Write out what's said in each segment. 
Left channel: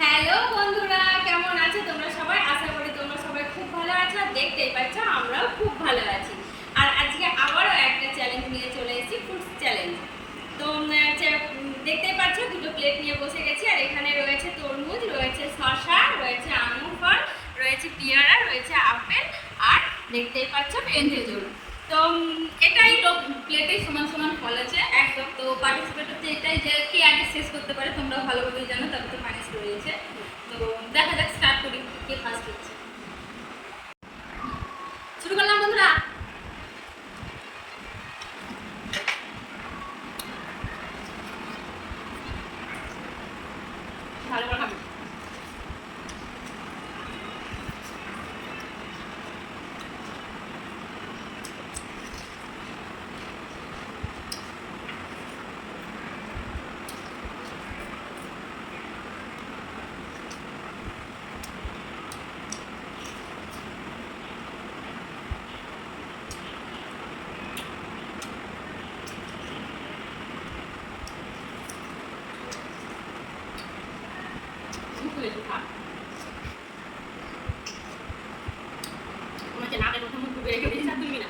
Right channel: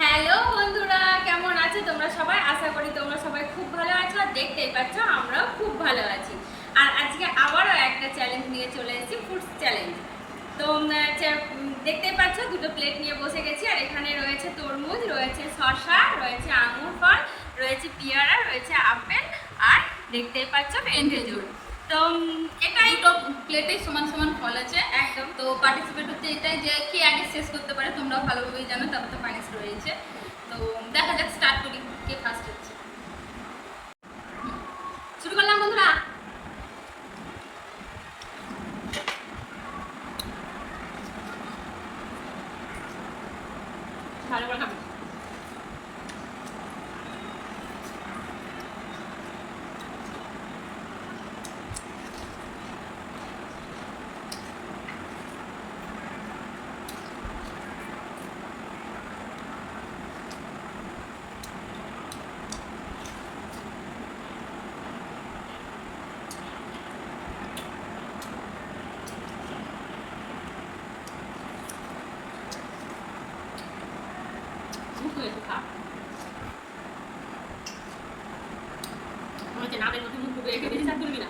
Hello বন্ধুরা, কেমন আছো তোমরা সবাই? আশা করি তোমরা সবাই খুব ভালো আছো। দেখতেই পাচ্ছ আমরাও খুব ভালো আছি। আর আজকে আবারও একটা চ্যালেঞ্জ নিয়ে চলে এসেছি, ফুডস চ্যালেঞ্জ। তো দেখতেই পাচ্ছ দুটো প্লেট নিয়ে বসে গেছি। আর এখানে রয়েছে তরমুজ, রয়েছে শসা, রয়েছে আঙুর ফল, রয়েছে পেয়ারা, রয়েছে আপেল, আর দেখতেই পাচ্ছ খেজুর। তো এটাই তো প্লেটেই সমান সমান ফল আছে একদম। তো পার্টিসিপেট হচ্ছে এটাই যে কে আগে শেষ করতে পারে, তোমরাও ভালোভাবেই জানো। তারপর তো পানিশ রয়েছে, তো দেখা যাক, স্টার্ট করি কে ফার্স্ট হচ্ছে। শুরু করলাম বন্ধুরা। ভালো করে খাবে। মুখে একটু খা। মনে হচ্ছে নাকের মধ্যে মুখ ডুবে রেখে দিয়েছি, আর তুলবি না।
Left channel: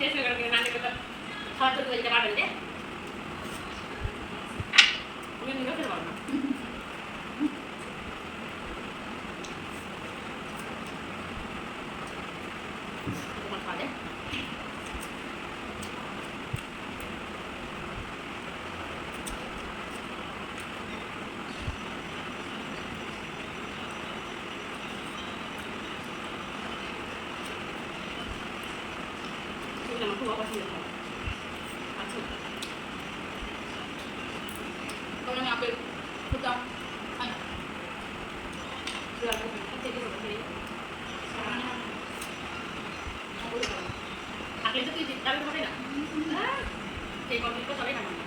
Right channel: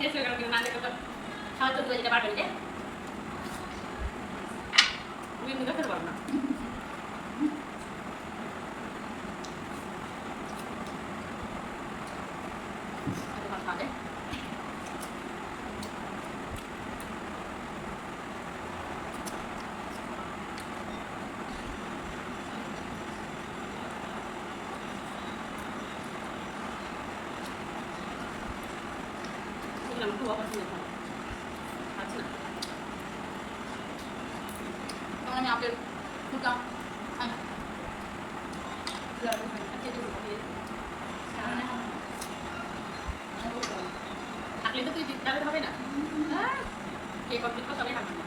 শেষ হয়ে গেল কিনা না দেখে তো খাওয়া চলতে যেতে পারবেন যে আমি মুখে খেতে পারবো না। খাওয়া যায়। আমার খুব অপছন্দের খাবার। আচ্ছা তখন আমি আপেল খুঁজতাম। থাকলে তো তুই জিততে হবে না। সেই কমপ্লিট তো সবাই পারবে না।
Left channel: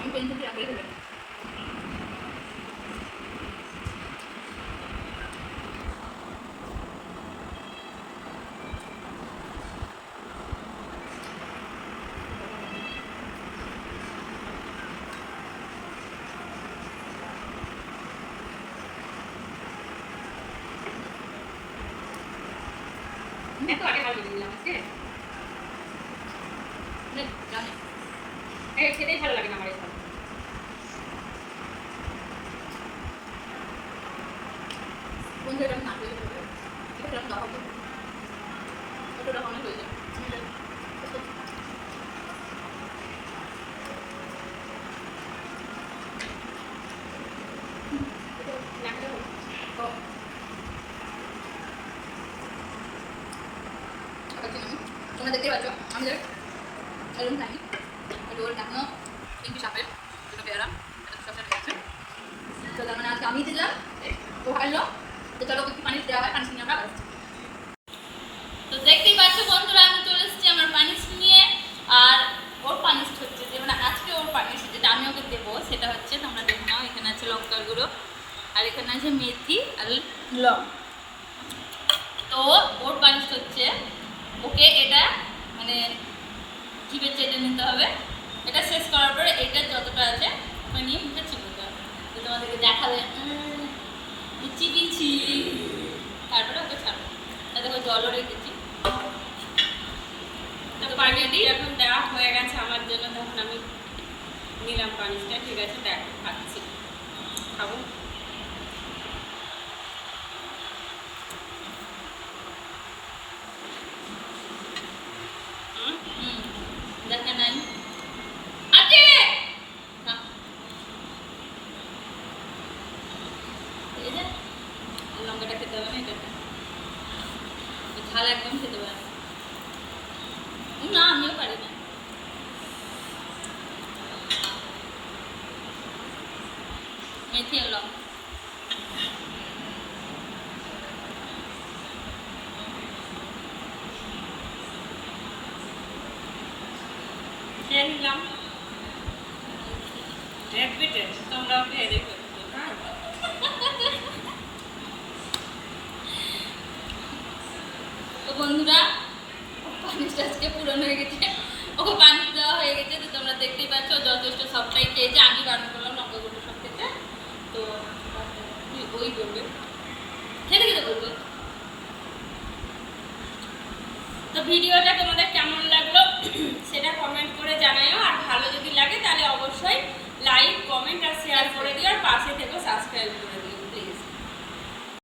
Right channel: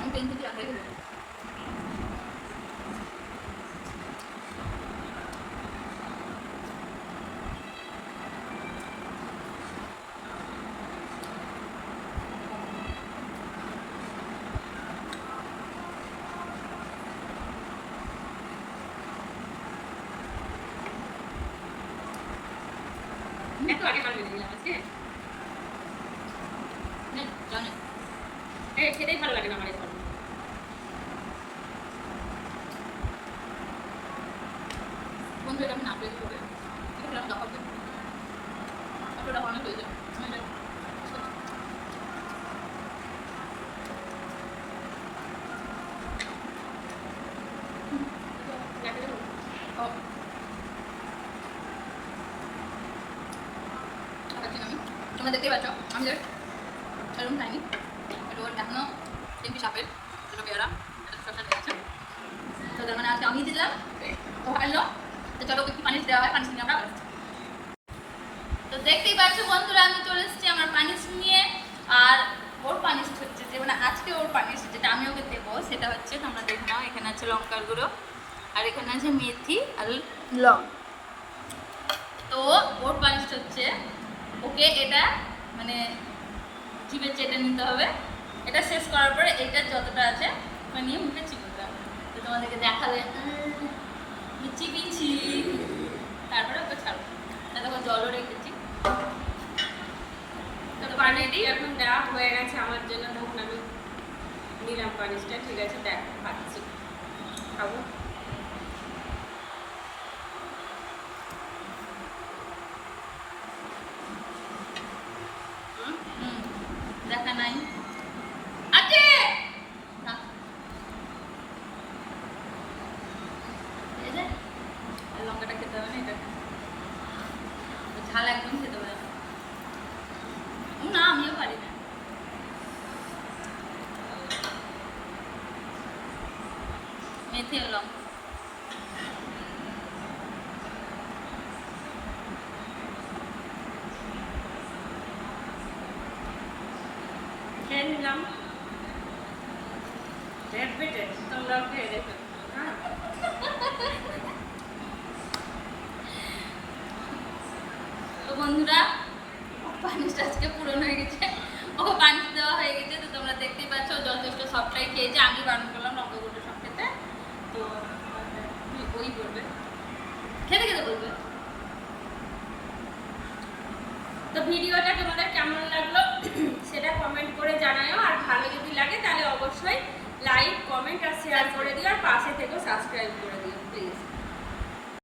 আমি টেনশন রাখলে হলো এত আগে ভালো বেঁধে দিলাম আজকে। জানি খেতেই ভালো লাগে না আমার এই ফল। বন্ধু এটা আমি না পেয়ে দেবো, এটা আমি দেখাবো। ওটা অনেক হয়ে যায় তোমরা দেখতেই পাচ্ছ আমি এরকম খাইনি বাট ওর এখনো একটু সাপের দুটো পেয়ারা শসা নিয়েছে তো তার মানে আজকে আমি দিলাম ও হারলো তো চলো একটু পানি দেওয়া হয় পানি নিয়ে আমরা আসছি তো দেখতেই পাচ্ছ বন্ধুরা আমি চলে এসেছি আমার পানিশ নিয়ে আর ওর পানিশ হচ্ছে যে মানে আজকে ওর পানিশ যেটা আমি ওকে দেবো সেটা হচ্ছে তোমরা দেখে নাও এখানে আছে লঙ্কার গুঁড়ো আর এখানে আছে মেথি আর লং তো ওর পানিশ হচ্ছে ওকে এটা মানে জিভে চেটে নিতে হবে এটা শেষ করার পরে এটা যতটা আছে ওটা নিয়ে মুখে চিবোতে হবে তো তোমাদেরকে দেখালে চিবিছি তারপরে ওকে ছাড়বো দেখো জলও রেখেছি তো পানিটি এখন দেওয়া হয়ে গেছে আমার জন্য, তখন আমি নিলাম পানিটা। ঠিক আছে, দেখো খাচ্ছি, খাবো। দেখা নাই আছে লঙ্কাটা খেতে হবে না, এটা ঝাল একদম খেতে পারে না, আমিও পারি না। মেথি আর লঙ্কা খেয়ে নিলাম, রেপিটেড, তোমরাও খেয়ে দেখো। হ্যাঁ, তো বন্ধুরা পানিটা আজকে পূরণ হয়ে গেছে, ওকে পানি দেওয়া হয়ে গেছে। তো তোমরা দেখতেই পাচ্ছ যথেষ্ট সবটাই খেয়েছে, আমি বারণ করলাম লঙ্কা গুঁড়ো সব খেতে। তো ওই বলবে খেতে খেতে বলবে। তো ভিডিওটা তোমাদের কেমন লাগলো সেটা কমেন্ট করে জানাও, আর ভালো যদি লাগে তাহলে অবশ্যই লাইক, কমেন্ট আর শেয়ার করে দিও, আর পাশে থেকেও সাবস্ক্রাইব করে দিও প্লিজ।